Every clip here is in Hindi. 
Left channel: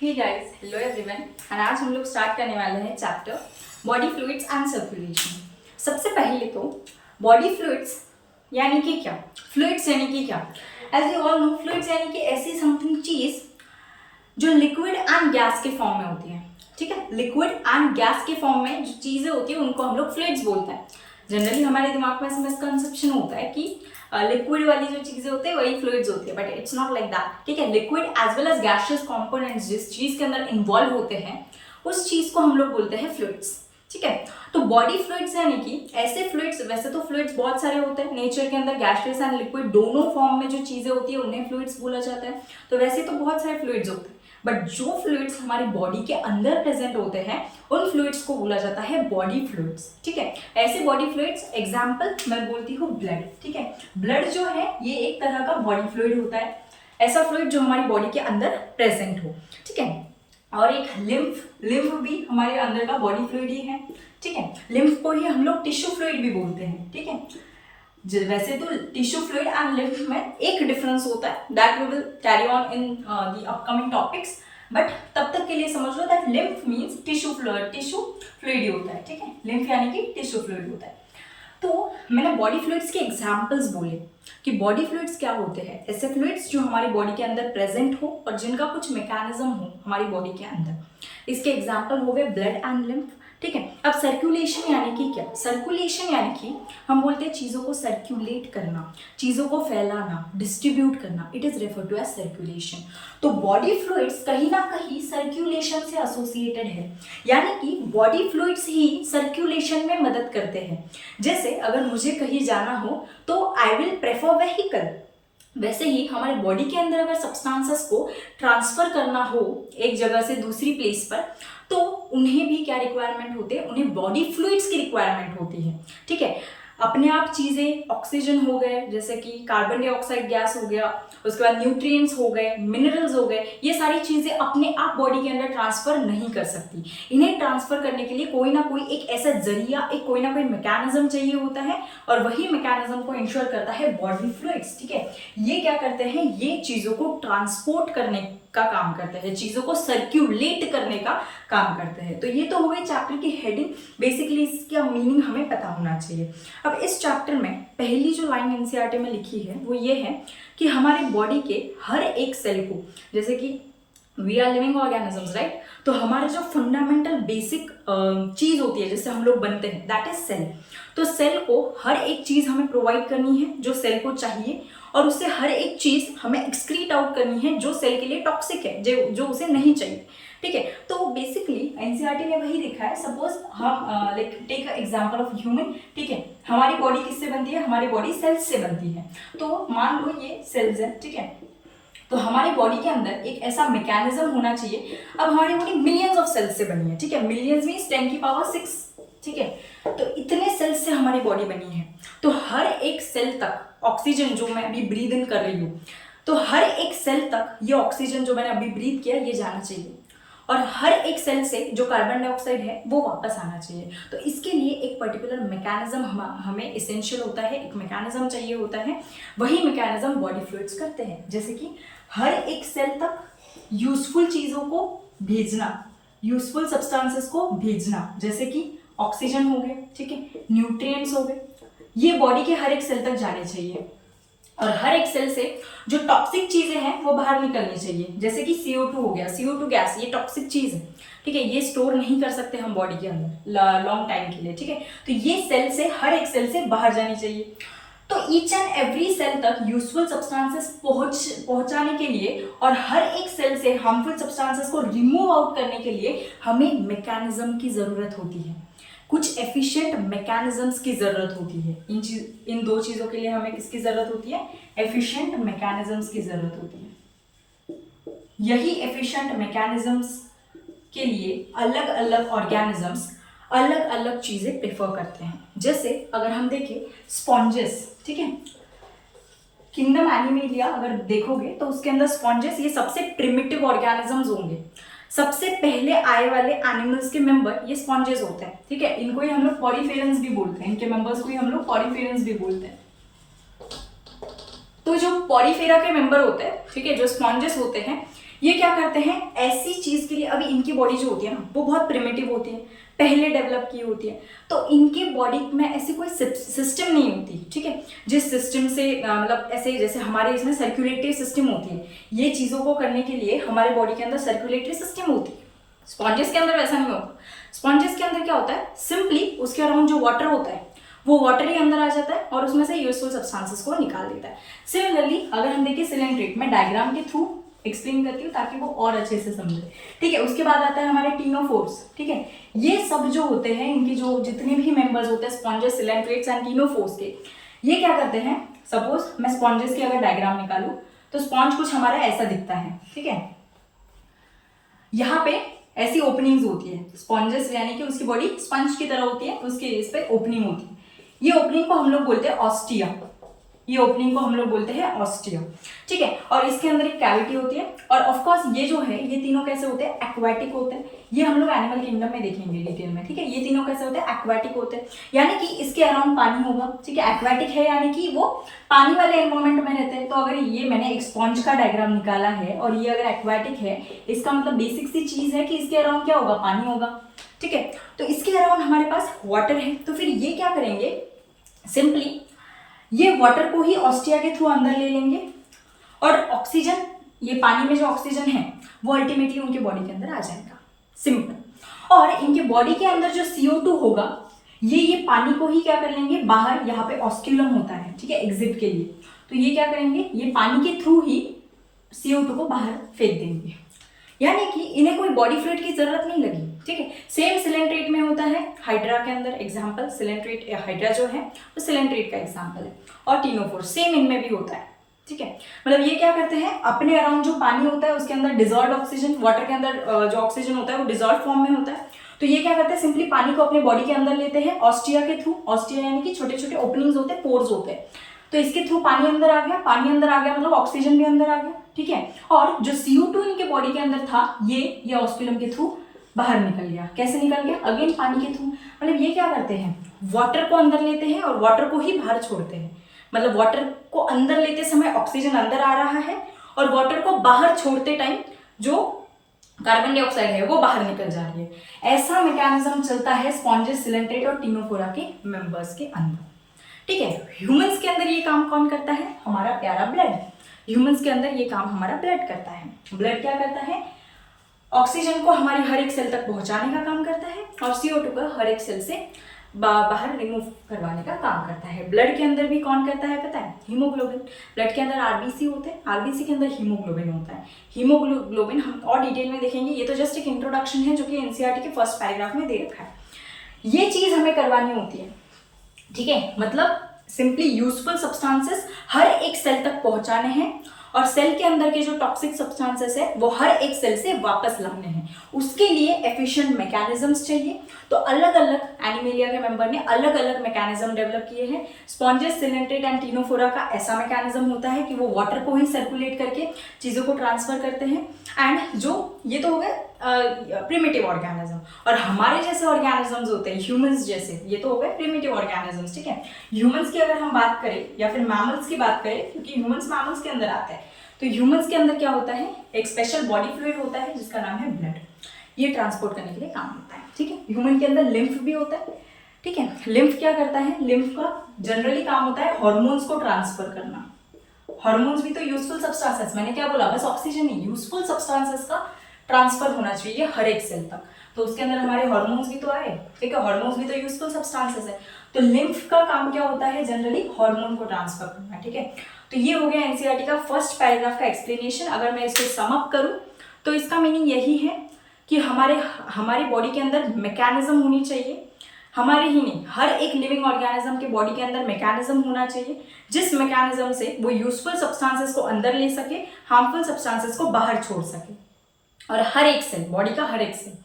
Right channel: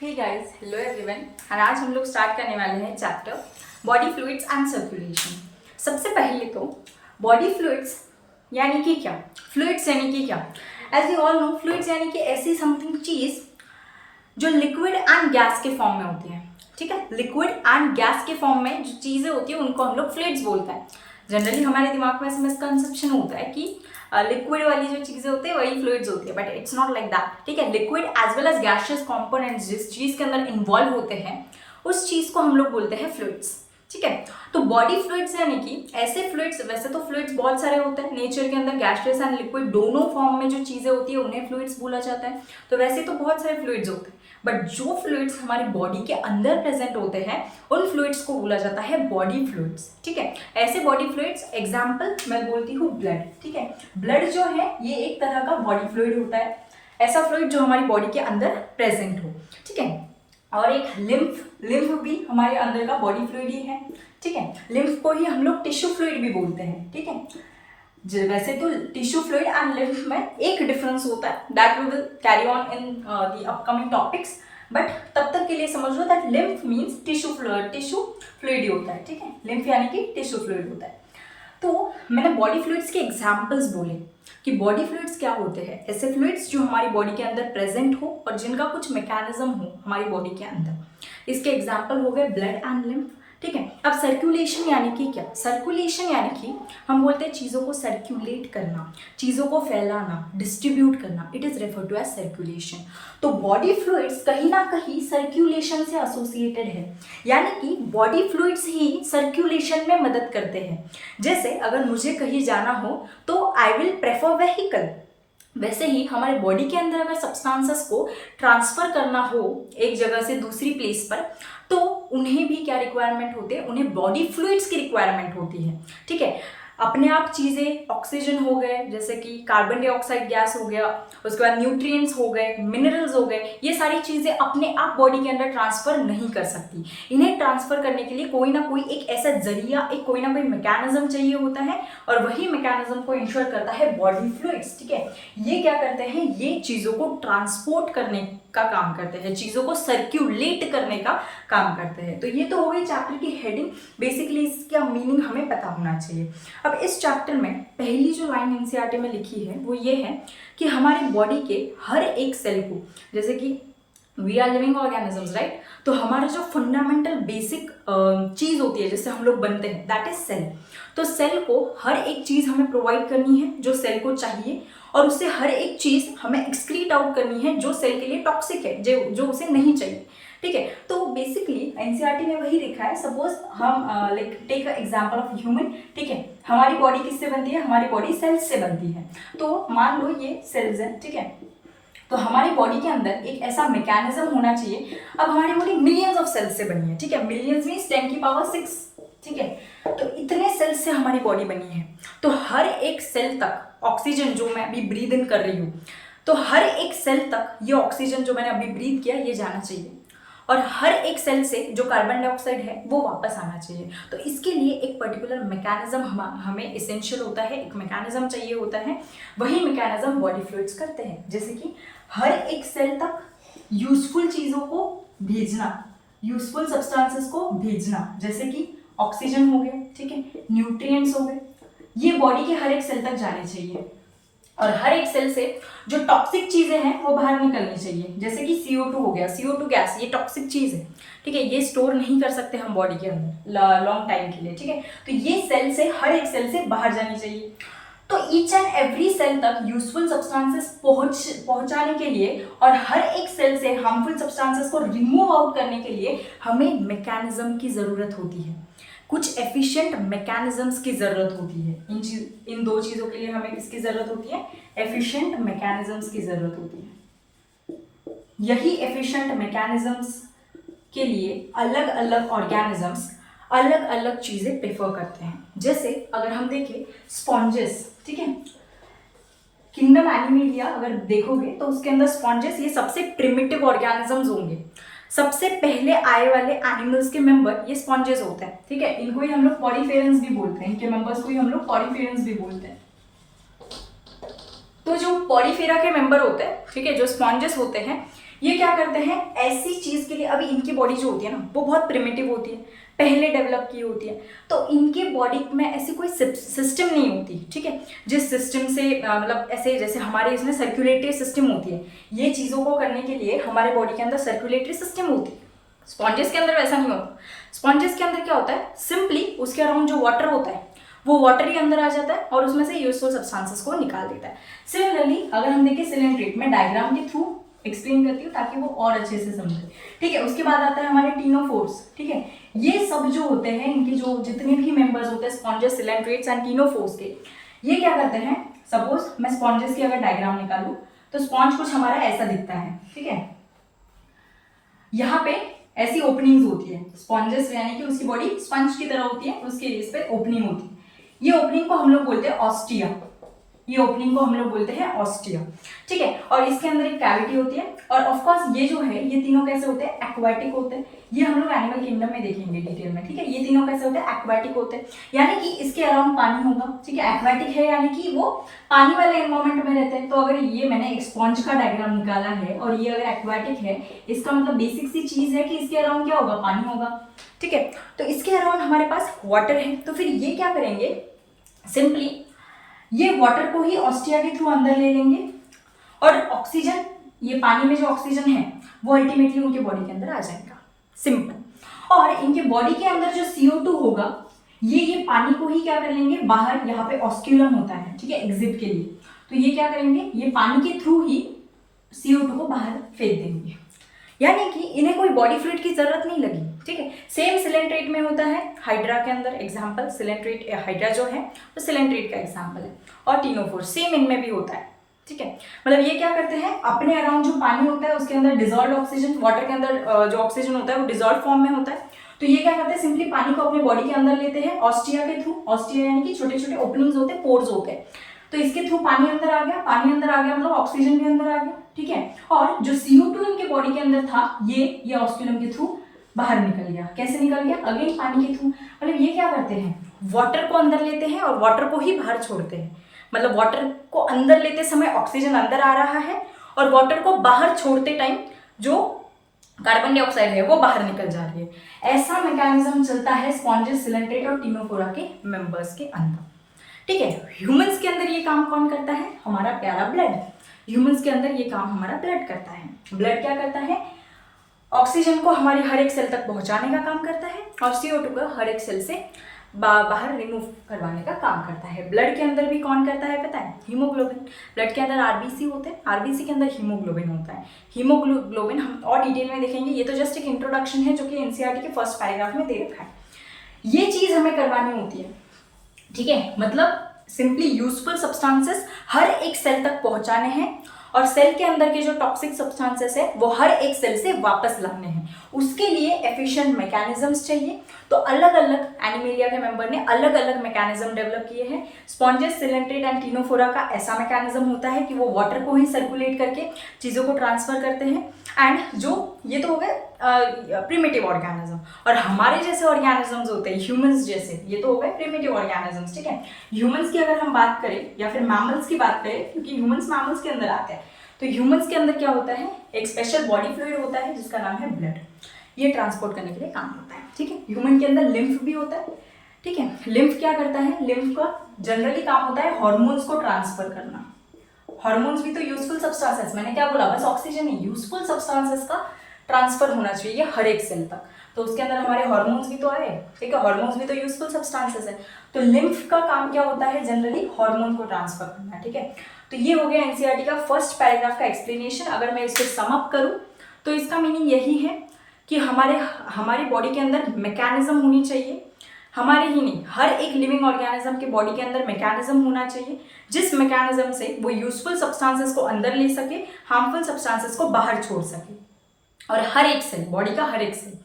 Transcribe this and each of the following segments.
Hey guys, hello everyone. और आज हम लोग स्टार्ट करने वाले हैं chapter body fluids and circulation. सबसे पहले तो बॉडी फ्लूइड्स यानी कि क्या, फ्लूइड्स यानी कि क्या। As you all know, fluids यानी कि ऐसी समथिंग चीज जो लिक्विड एंड गैस के फॉर्म में होती है। ठीक है, लिक्विड एंड गैस के फॉर्म में जो चीजें होती है उनको हम लोग फ्लूइड्स बोलते हैं। जनरली हमारे दिमाग में ऐसा मिसकंसेप्शन होता है कि लिक्विड वाली जो चीजें होती है वही फ्लूइड्स होती है, but it's not like that. ठीक है, liquid as well as gaseous components जिस चीज के अंदर इन्वॉल्व होते हैं उस चीज को हम लोग बोलते हैं फ्लूइड्स। ठीक है, तो बॉडी फ्लूइड्स यानी कि ऐसे फ्लूइड्स, वैसे तो फ्लूइड्स बहुत सारे होते हैं नेचर के अंदर, गैसियस एंड लिक्विड दोनों फॉर्म में जो चीजें होती है उन्हें फ्लूइड्स बोला जाता है। तो वैसे तो बहुत सारे फ्लूइड्स होते हैं, बट जो फ्लूइड्स हमारी बॉडी के अंदर प्रेजेंट होते हैं उन फ्लूइड्स को बोला जाता है बॉडी फ्लूइड्स। ठीक है, ऐसे बॉडी फ्लूइड्स एग्जांपल मैं बोलती हूँ ब्लड। ठीक है, ब्लड जो है ये एक तरह का बॉडी फ्लूइड होता है, ऐसा फ्लूइड जो हमारी बॉडी के अंदर प्रेजेंट हो। ठीक है, और एक लिम्फ भी हमारे अंदर का बॉडी फ्लूइड ही है। ठीक है, लिम्फ को ही हम लोग टिश्यू फ्लूइड भी बोलते हैं। ठीक है, वैसे तो टिश्यू फ्लूइड एंड लिम्फ में एक डिफरेंस होता है, that we will carry on in the upcoming topics, but तब तक के लिए समझ लो that lymph means tissue fluid होता है। ठीक है, लिम्फ यानी कि टिश्यू फ्लूइड होता है। तो मैंने बॉडी फ्लूइड्स के एग्जाम्पल्स बोले कि बॉडी फ्लूइड्स क्या होते हैं, ऐसे फ्लूइड्स जो हमारी बॉडी के अंदर प्रेजेंट हो और जिनका कुछ मैकेनिज्म हो हमारी बॉडी के अंदर। इसके एग्जाम्पल हो गए ब्लड एंड लिम्फ। ठीक है, अब सर्कुलेशन यानी कि क्या, सर्कुलेशन यानी कि हम बोलते हैं चीज़ों को सर्कुलेट करना, चीज़ों को फैलाना, डिस्ट्रीब्यूट करना, it is refer to as circulation. तो बॉडी फ्लूइड्स कहीं ना कहीं सर्कुलेशन से एसोसिएटेड है, यानी कि बॉडी फ्लूइड्स ही सर्कुलेशन में मदद करते हैं। जैसे अगर मुझे कहीं जाना हो तो आई विल प्रेफर व्हीकल, वैसे ही हमारे बॉडी के अंदर अगर सब्सटेंसेस को ट्रांसफर करना हो एक जगह से दूसरी प्लेस पर तो उन्हें भी क्या रिक्वायरमेंट होते हैं, उन्हें बॉडी फ्लूइड्स की रिक्वायरमेंट होती है। ठीक है, अपने आप चीज़ें ऑक्सीजन हो गए, जैसे कि कार्बन डाइऑक्साइड गैस हो गया, उसके बाद न्यूट्रिएंट्स हो गए, मिनरल्स हो गए, ये सारी चीज़ें अपने आप बॉडी के अंदर ट्रांसफर नहीं कर सकती। इन्हें ट्रांसफर करने के लिए कोई ना कोई एक ऐसा जरिया, एक कोई ना कोई मैकेनिज्म चाहिए होता है, और वही मैकेनिज्म को इंश्योर करता है बॉडी फ्लूइड्स। ठीक है, ये क्या करते हैं, ये चीज़ों को ट्रांसपोर्ट करने का काम करते हैं, चीज़ों को सर्क्यूलेट करने का काम करते हैं। तो ये तो हो गई चैप्टर की हेडिंग, बेसिकली इसका मीनिंग हमें पता होना चाहिए। अब इस चैप्टर में पहली जो लाइन एनसीईआरटी में लिखी है वो ये है कि हमारी बॉडी के हर एक सेल को, जैसे कि we are living organisms right, तो हमारे जो फंडामेंटल बेसिक चीज़ होती है जिससे हम लोग बनते हैं दैट इज सेल। तो सेल को हर एक चीज़ हमें प्रोवाइड करनी है जो सेल को चाहिए, और उससे हर एक चीज़ हमें एक्सक्रीट आउट करनी है जो सेल के लिए टॉक्सिक है, जो उसे नहीं चाहिए। ठीक है, तो बेसिकली एनसीईआरटी में वही लिखा है। सपोज हम like take example of human. ठीक है, हमारी बॉडी किससे बनती है, हमारी बॉडी सेल्स से बनती है। तो मान लो ये सेल्स है। ठीक है, तो हमारी बॉडी के अंदर एक ऐसा मैकेनिज्म होना चाहिए। अब हमारी बॉडी मिलियंस ऑफ सेल्स से बनी है। ठीक है, मिलियंस मीन्स 10 की पावर 6। ठीक है, तो इतने सेल्स से हमारी बॉडी बनी है। तो हर एक सेल तक ऑक्सीजन जो मैं अभी ब्रीद इन कर रही हूँ, तो हर एक सेल तक ये ऑक्सीजन जो मैंने अभी ब्रीद किया ये जाना चाहिए, और हर एक सेल से जो कार्बन डाइऑक्साइड है वो वापस आना चाहिए। तो इसके लिए एक पर्टिकुलर मैकेनिज्म हमें इसेंशियल होता है, एक मैकेनिज्म चाहिए होता है। वही मैकेनिज्म बॉडी फ्लूइड्स करते हैं, जैसे कि हर एक सेल तक यूजफुल चीज़ों को भेजना, यूजफुल सब्सटेंसेस को भेजना, जैसे कि ऑक्सीजन हो गया, ठीक है, न्यूट्रिएंट्स हो गए, ये बॉडी के हर एक सेल तक जाने चाहिए। और हर एक सेल से जो टॉक्सिक चीजें हैं वो बाहर निकलनी चाहिए, जैसे कि CO2 हो गया, CO2 गैस, ये टॉक्सिक चीज है। ठीक है, ये स्टोर नहीं कर सकते हम बॉडी के अंदर लॉन्ग टाइम के लिए। ठीक है, तो ये सेल से, हर एक सेल से बाहर जानी चाहिए। तो ईच एंड एवरी सेल तक यूजफुल सब्सटेंसेस पहुंचाने के लिए और हर एक सेल से हार्मफुल सब्सटेंसेस को रिमूव आउट करने के लिए हमें मैकेनिज्म की जरूरत होती है, कुछ एफिशिएंट मैकेनिज्म्स की जरूरत होती है। इन दो चीजों के लिए हमें किसकी जरूरत होती है, एफिशिएंट मैकेनिज्म्स की जरूरत होती है। यही एफिशिएंट मैकेनिज्म्स के लिए अलग अलग ऑर्गेनिजम्स अलग अलग चीजें प्रेफर करते हैं। जैसे अगर हम देखें स्पॉन्जेस, ठीक है, किंगडम एनिमेलिया अगर देखोगे तो उसके अंदर स्पॉन्जेस ये सबसे प्रिमिटिव ऑर्गेनिजम्स होंगे, सबसे पहले आए वाले एनिमल्स के मेंबर ये स्पॉन्जेस होते हैं। ठीक है, इनको ही हम लोग पॉरीफेरेंस भी बोलते हैं, इनके मेंबर्स को ही हम लोग पॉरीफेरेंस भी बोलते हैं। तो जो पॉरीफेरा के मेंबर होते हैं, ठीक है, जो स्पॉन्जेस होते हैं, ये क्या करते हैं, ऐसी चीज़ के लिए अभी इनकी बॉडी जो होती है ना वो बहुत प्रिमिटिव होती है, पहले डेवलप की होती है, तो इनकी बॉडी में ऐसी कोई सिस्टम नहीं होती, ठीक है, जिस सिस्टम से मतलब ऐसे जैसे हमारे इसमें सर्कुलेटरी सिस्टम होती है, ये चीज़ों को करने के लिए हमारे बॉडी के अंदर सर्कुलेटरी सिस्टम होती है। स्पॉन्जेस के अंदर वैसा नहीं होता। स्पॉन्जेस के अंदर क्या होता है, सिंपली उसके अराउंड जो वाटर होता है वो वाटर ही अंदर आ जाता है और उसमें से यूजफुल सब्सटेंसेस को निकाल देता है। सिमिलरली अगर हम देखें सिलेंट्रेट, मैं डायग्राम के थ्रू एक्सप्लेन करती हूँ ताकि वो और अच्छे से समझे, ठीक है। उसके बाद आता है हमारे टीनोफोर्स, ठीक है। ये सब जो होते हैं, इनके जो जितने भी मेंबर्स होते हैं स्पॉन्जेस, सिलेंट्रेट्स एंड टीनोफोर्स के, ये क्या करते हैं, सपोज मैं स्पॉन्जेस की अगर डायग्राम निकालूं तो स्पॉन्ज कुछ हमारा ऐसा दिखता है, ठीक है। यहाँ पे ऐसी ओपनिंग्स होती है, स्पॉन्जेस यानी कि उसकी बॉडी स्पंज की तरह होती है, उसके इस पे ओपनिंग होती है। ये ओपनिंग को हम लोग बोलते हैं ऑस्टिया, ये ओपनिंग को हम लोग बोलते हैं ऑस्टिया, ठीक है। और इसके अंदर एक कैविटी होती है। और ऑफ कोर्स ये जो है, ये तीनों कैसे होते हैं, एक्वाटिक होते हैं। ये हम लोग एनिमल किंगडम में देखेंगे डिटेल में, ठीक है। ये तीनों कैसे होते हैं, एक्वाटिक होते हैं, यानी कि इसके अराउंड पानी होगा, ठीक है। एक्वाटिक है यानी कि वो पानी वाले एनवायरमेंट में रहते हैं। तो अगर ये मैंने एक स्पॉन्ज का डायग्राम निकाला है और ये अगर एक्वाटिक है, इसका मतलब बेसिक सी चीज है कि इसके अराउंड क्या होगा, पानी होगा, ठीक है। तो इसके अराउंड हमारे पास वाटर है। तो फिर ये क्या करेंगे, सिंपली ये वाटर को ही ऑस्टिया के थ्रू अंदर ले लेंगे और ऑक्सीजन, ये पानी में जो ऑक्सीजन है वो अल्टीमेटली उनके बॉडी के अंदर आ जाएगा, सिंपल। और इनके बॉडी के अंदर जो CO2 होगा, ये पानी को ही क्या कर लेंगे, बाहर यहाँ पे ऑस्क्यूलम होता है, ठीक है, एग्जिट के लिए। तो ये क्या करेंगे, ये पानी के थ्रू ही CO2 को बाहर फेंक देंगे, यानी कि इन्हें कोई बॉडी फ्लूइड की जरूरत नहीं लगी, ठीक है। सेम सिलेंट्रेट में होता है, हाइड्रा के अंदर एग्जाम्पल सिलेंट्रेट, हाइड्रा जो है वो सिलेंट्रेट का एग्जाम्पल है। और टीनोफोर्स सेम इनमें भी होता है, ठीक है। मतलब ये क्या करते हैं, अपने अराउंड जो पानी होता है उसके अंदर डिजॉल्व ऑक्सीजन, वाटर के अंदर जो ऑक्सीजन होता है वो डिजॉल्व फॉर्म में होता है। तो ये क्या करते हैं, सिंपली पानी को अपने बॉडी के अंदर लेते हैं ऑस्टिया के थ्रू। ऑस्टिया यानी कि छोटे छोटे ओपनिंग्स होते हैं, पोर्स होते हैं। तो इसके थ्रू पानी अंदर आ गया, पानी अंदर आ गया मतलब ऑक्सीजन भी अंदर आ गया, ठीक है। और जो CO2 इनके बॉडी के अंदर था, ये ऑस्क्यूलम के थ्रू बाहर निकल गया। कैसे निकल गया, अगेन पानी के थ्रू। मतलब ये क्या करते हैं, वाटर को अंदर लेते हैं और वाटर को ही बाहर छोड़ते हैं। मतलब वाटर को अंदर लेते समय ऑक्सीजन अंदर आ रहा है और वाटर को बाहर छोड़ते टाइम जो कार्बन डाइऑक्साइड है वो बाहर निकल जा रही है। ऐसा मैकेनिज्म चलता है स्पॉन्जेस, सिलेंट्रेट और टीनोफोरा के मेंबर्स के अंदर, ठीक है। ह्यूमंस के अंदर ये काम कौन करता है, हमारा प्यारा ब्लड। ह्यूमंस के अंदर ये काम हमारा ब्लड करता है। ब्लड क्या करता है, ऑक्सीजन को हमारे हर एक सेल तक पहुंचाने का काम करता है और CO2 को हर एक सेल से बाहर रिमूव करवाने का काम करता है। ब्लड के अंदर भी कौन करता है पता है, हीमोग्लोबिन। ब्लड के अंदर RBC होते हैं, RBC के अंदर हीमोग्लोबिन होता है। हीमोग्लोबिन हम और डिटेल में देखेंगे, ये तो जस्ट एक इंट्रोडक्शन है जो कि NCERT के फर्स्ट पैराग्राफ में दे रखा है। ये चीज़ हमें करवानी होती है, ठीक है। मतलब सिंपली यूजफुल सब्सटेंसेस हर एक सेल तक पहुंचाने हैं और सेल के अंदर के जो टॉक्सिक सब्सटेंसेस है वो हर एक सेल से वापस लाने हैं। उसके लिए एफिशिएंट मैकेनिज्म्स चाहिए। तो अलग अलग एनिमेलिया के मेंबर ने अलग अलग मैकेनिज्म डेवलप किए हैं। स्पॉन्जेस, सिलेंट्रेट एंड टीनोफोरा का ऐसा मैकेनिज्म होता है कि वो वाटर को ही सर्कुलेट करके चीज़ों को ट्रांसफर करते हैं। एंड जो ये तो हो गए प्रिमिटिव ऑर्गेनिज्म, और हमारे जैसे ऑर्गेनिजम्स होते हैं ह्यूमंस जैसे, ये तो हो गए प्रिमिटिव ऑर्गेनिजम्स, ठीक है। ह्यूमंस की अगर हम बात करें या फिर मैमल्स की बात करें, क्योंकि ह्यूमंस मैमल्स के अंदर आते हैं, तो ह्यूमंस के अंदर क्या होता है, एक स्पेशल बॉडी फ्लूइड होता है जिसका नाम है ब्लड। ये ट्रांसपोर्ट करने के लिए काम होता है, ठीक है। ह्यूमन के अंदर लिम्फ भी होता है, ठीक है। लिम्फ क्या करता है, लिम्फ का जनरली काम होता है हॉर्मोन्स को ट्रांसफर करना। हॉर्मोन्स भी तो यूजफुल सब्सटेंसेस, मैंने क्या बोला, बस ऑक्सीजन नहीं, यूजफुल सब्सटेंसेस का ट्रांसफर होना चाहिए हर एक सेल तक। तो उसके अंदर हमारे हॉर्मोन्स भी तो आए, ठीक है। हॉर्मोन्स भी तो यूजफुल सब्सटेंसेस है। तो लिम्फ का काम क्या होता है, जनरली हार्मोन को ट्रांसफर करना, ठीक है। तो ये हो गया NCERT का फर्स्ट पैराग्राफ का एक्सप्लेनेशन। अगर मैं इसको सम अप करूं तो इसका मीनिंग यही है कि हमारी बॉडी के अंदर मैकेनिज्म होनी चाहिए, हमारे ही नहीं हर एक लिविंग ऑर्गेनिज्म के बॉडी के अंदर मैकेनिज्म होना चाहिए जिस मैकेनिज्म से वो यूजफुल सब्सटेंसेस को अंदर ले सके, हार्मफुल सब्सटेंसेस को बाहर छोड़ सके, और हर एक सेल, बॉडी का हर एक सेल,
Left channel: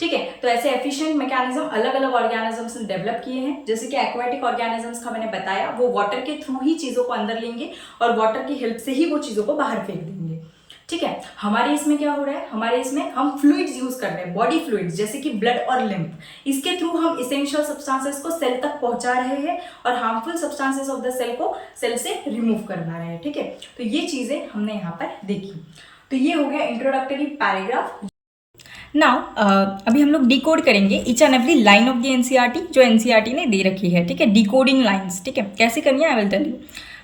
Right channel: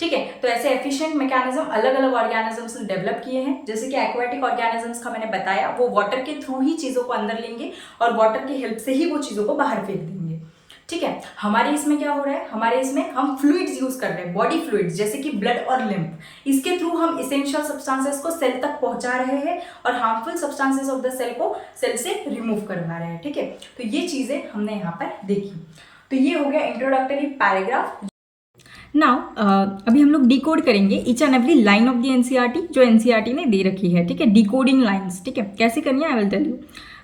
ठीक है। तो ऐसे एफिशिएंट मैकेनिज्म अलग अलग ऑर्गेनिजम्स ने डेवलप किए हैं। जैसे कि एक्वाटिक ऑर्गेनिजम्स का मैंने बताया, वो वाटर के थ्रू ही चीज़ों को अंदर लेंगे और वाटर की हेल्प से ही वो चीज़ों को बाहर फेंक देंगे, ठीक है। हमारे इसमें क्या हो रहा है, हमारे इसमें हम फ्लूइड्स यूज कर रहे हैं, बॉडी फ्लूइड्स जैसे कि ब्लड और लिम्फ। इसके थ्रू हम इसेंशियल सब्सटेंसेस को सेल तक पहुंचा रहे हैं और harmful substances of the cell को सेल से रिमूव करवा रहे हैं, ठीक है। तो ये चीज़ें हमने यहाँ पर देखी। तो ये हो गया इंट्रोडक्टरी पैराग्राफ। नाउ अभी हम लोग डिकोड करेंगे each and every line of the NCERT जो एनसीईआरटी ने दे रखी है, ठीक है, डिकोडिंग लाइन्स, ठीक है, कैसे करनी है I will tell you.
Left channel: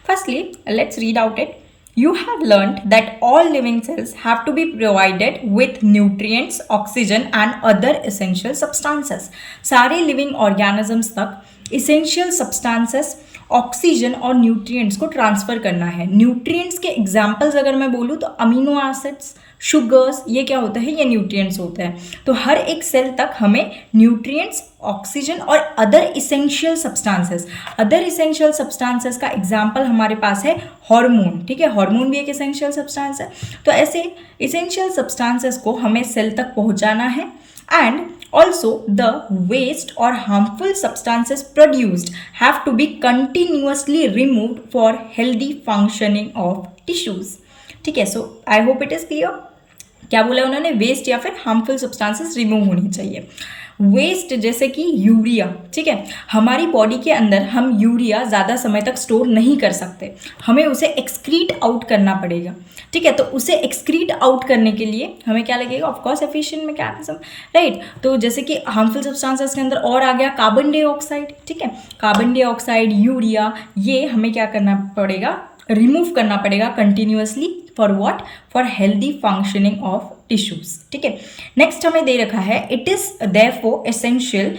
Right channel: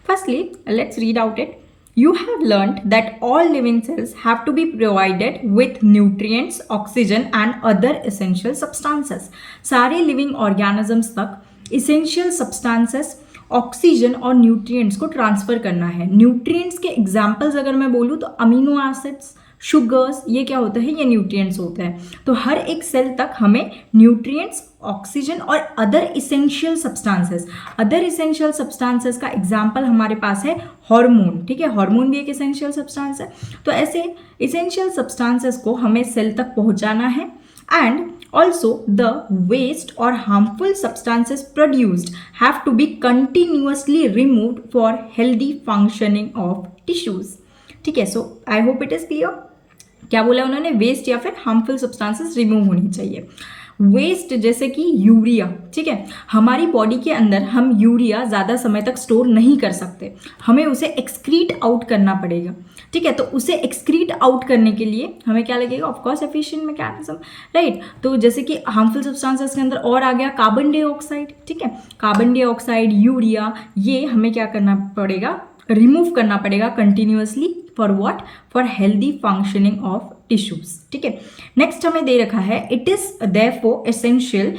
Firstly let's read out it. You have learned that all living cells have to be provided with nutrients, oxygen and other essential substances. सारे living organisms तक essential substances, ऑक्सीजन और न्यूट्रिएंट्स को ट्रांसफ़र करना है। न्यूट्रिएंट्स के एग्जाम्पल्स अगर मैं बोलूँ तो अमीनो एसिड्स, शुगर्स, ये क्या होता है, ये न्यूट्रिएंट्स होते हैं। तो हर एक सेल तक हमें न्यूट्रिएंट्स, ऑक्सीजन और other essential substances, other essential substances का एग्जांपल हमारे पास है हार्मोन, ठीक है, हार्मोन भी एक इसेंशियल सब्सटेंस है। तो ऐसे इसेंशियल सब्सटेंसेस को हमें सेल तक पहुंचाना है। And also the waste or harmful substances produced have to be continuously removed for healthy functioning of tissues, ठीक है। So I hope it is clear. क्या बोला उन्होंने, वेस्ट या फिर हार्मफुल सब्सटेंसेस रिमूव होनी चाहिए। वेस्ट जैसे कि यूरिया, ठीक है, हमारी बॉडी के अंदर हम यूरिया ज़्यादा समय तक स्टोर नहीं कर सकते, हमें उसे एक्सक्रीट आउट करना पड़ेगा, ठीक है। तो उसे एक्सक्रीट आउट करने के लिए हमें क्या लगेगा, ऑफकोर्स एफिशिएंट मैकेनिज्म, राइट। तो जैसे कि हार्मफुल सब्सटेंसेस के अंदर और आ गया कार्बन डाइऑक्साइड, ठीक है, कार्बन डाइऑक्साइड, यूरिया, ये हमें क्या करना पड़ेगा, रिमूव करना पड़ेगा continuously. For what, for healthy functioning of tissues, ठीक है। नेक्स्ट हमें दे रखा है it is therefore essential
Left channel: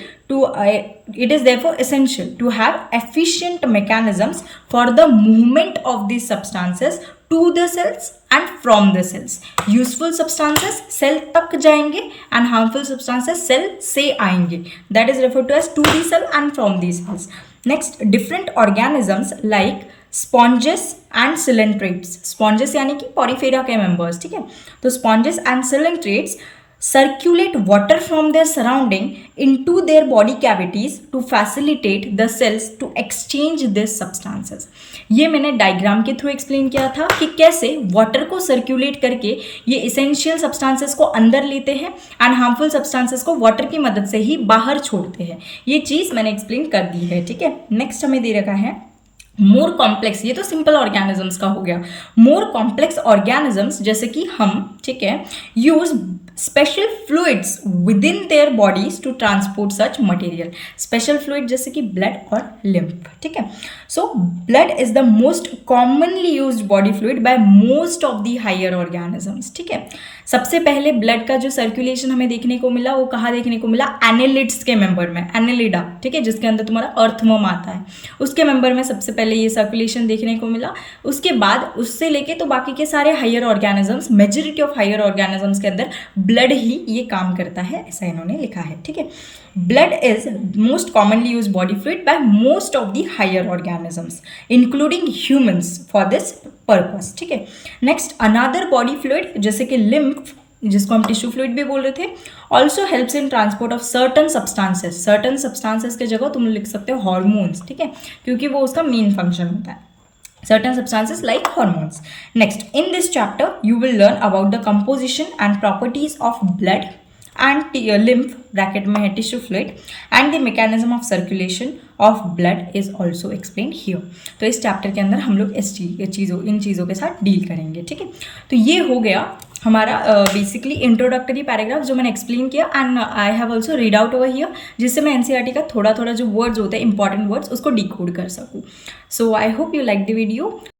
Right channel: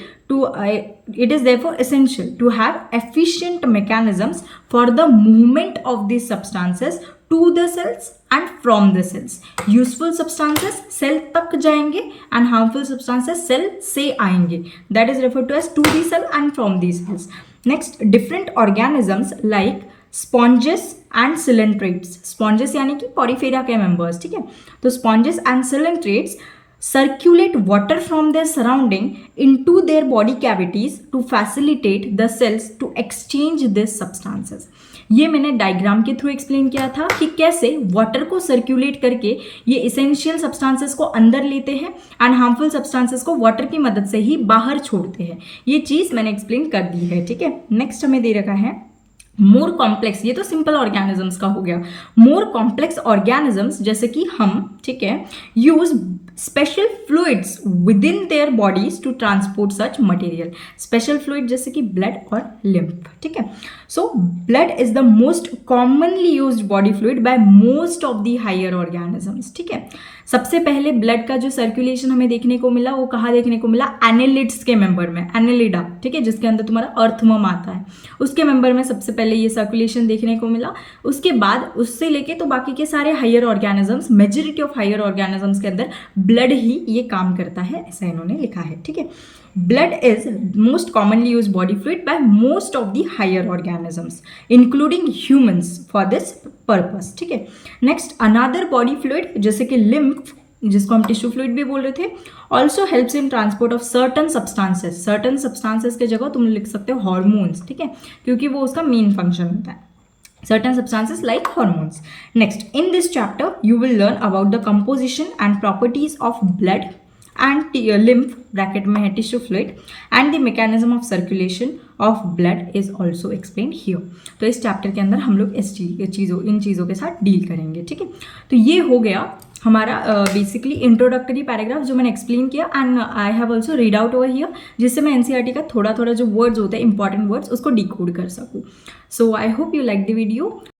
to have efficient mechanisms for the movement of this substances to the cells and from the cells. Useful substances cell तक जाएंगे एंड हार्मफुल सब्सटेंसेस सेल से आएंगे, that is referred to as to the cell and from the cells. Next, different organisms like sponges and coelenterates, sponges यानी कि पॉरीफेरा के मेंबर्स, ठीक है। तो sponges and coelenterates circulate water from their surrounding into their body cavities to facilitate the cells to exchange these substances. ये मैंने डायग्राम के थ्रू एक्सप्लेन किया था कि कैसे वाटर को सर्कुलेट करके ये इसेंशियल सब्सटेंसेस को अंदर लेते हैं एंड हार्मफुल सब्सटेंसेस को वाटर की मदद से ही बाहर छोड़ते हैं। ये चीज़ मैंने एक्सप्लेन कर दी है, ठीक है। नेक्स्ट हमें दे रखा है मोर कॉम्प्लेक्स, ये तो सिंपल ऑर्गेनिजम्स का हो गया। मोर कॉम्प्लेक्स ऑर्गेनिजम्स जैसे कि हम, ठीक है, use special fluids within their bodies to transport such material. Special fluid जैसे कि ब्लड और लिम्फ, ठीक है। So blood is the most commonly used body fluid by most of the higher organisms, ठीक है। सबसे पहले ब्लड का जो सर्कुलेशन हमें देखने को मिला वो कहाँ देखने को मिला, एनेलिड्स के मेंबर में, एनेलिडा, ठीक है, जिसके अंदर तुम्हारा अर्थवर्म आता है, उसके मेंबर में सबसे पहले ये सर्कुलेशन देखने को मिला। उसके बाद उससे लेके तो बाकी के सारे higher organisms, majority of higher organisms के अंदर ब्लड ही ये काम करता है, ऐसा इन्होंने लिखा है, ठीक है। Blood is most commonly used body fluid by most of the higher organisms, including humans, for this purpose, ठीक है। Next, another body fluid जैसे कि lymph, जिसको हम टिश्यू फ्लूइड भी बोल रहे थे, also helps in transport of certain substances. Certain substances के जगह तुम लिख सकते हो हॉर्मोन्स, ठीक है, क्योंकि वो उसका मेन फंक्शन होता है। Certain substances like hormones. Next, in this chapter, you will learn about the composition and properties of blood and lymph bracket में है tissue fluid and the mechanism of circulation of blood is also explained here. तो इस चैप्टर के अंदर हम लोग इन चीज़ों के साथ डील करेंगे, ठीक है। तो ये हो गया हमारा बेसिकली इंट्रोडक्टरी पैराग्राफ जो मैंने एक्सप्लेन किया and I have also read out over here, जिससे मैं एनसीईआरटी का थोड़ा थोड़ा जो वर्ड्स होते हैं इंपॉर्टेंट वर्ड्स उसको डिकोड कर सकूँ। So I hope you like the video.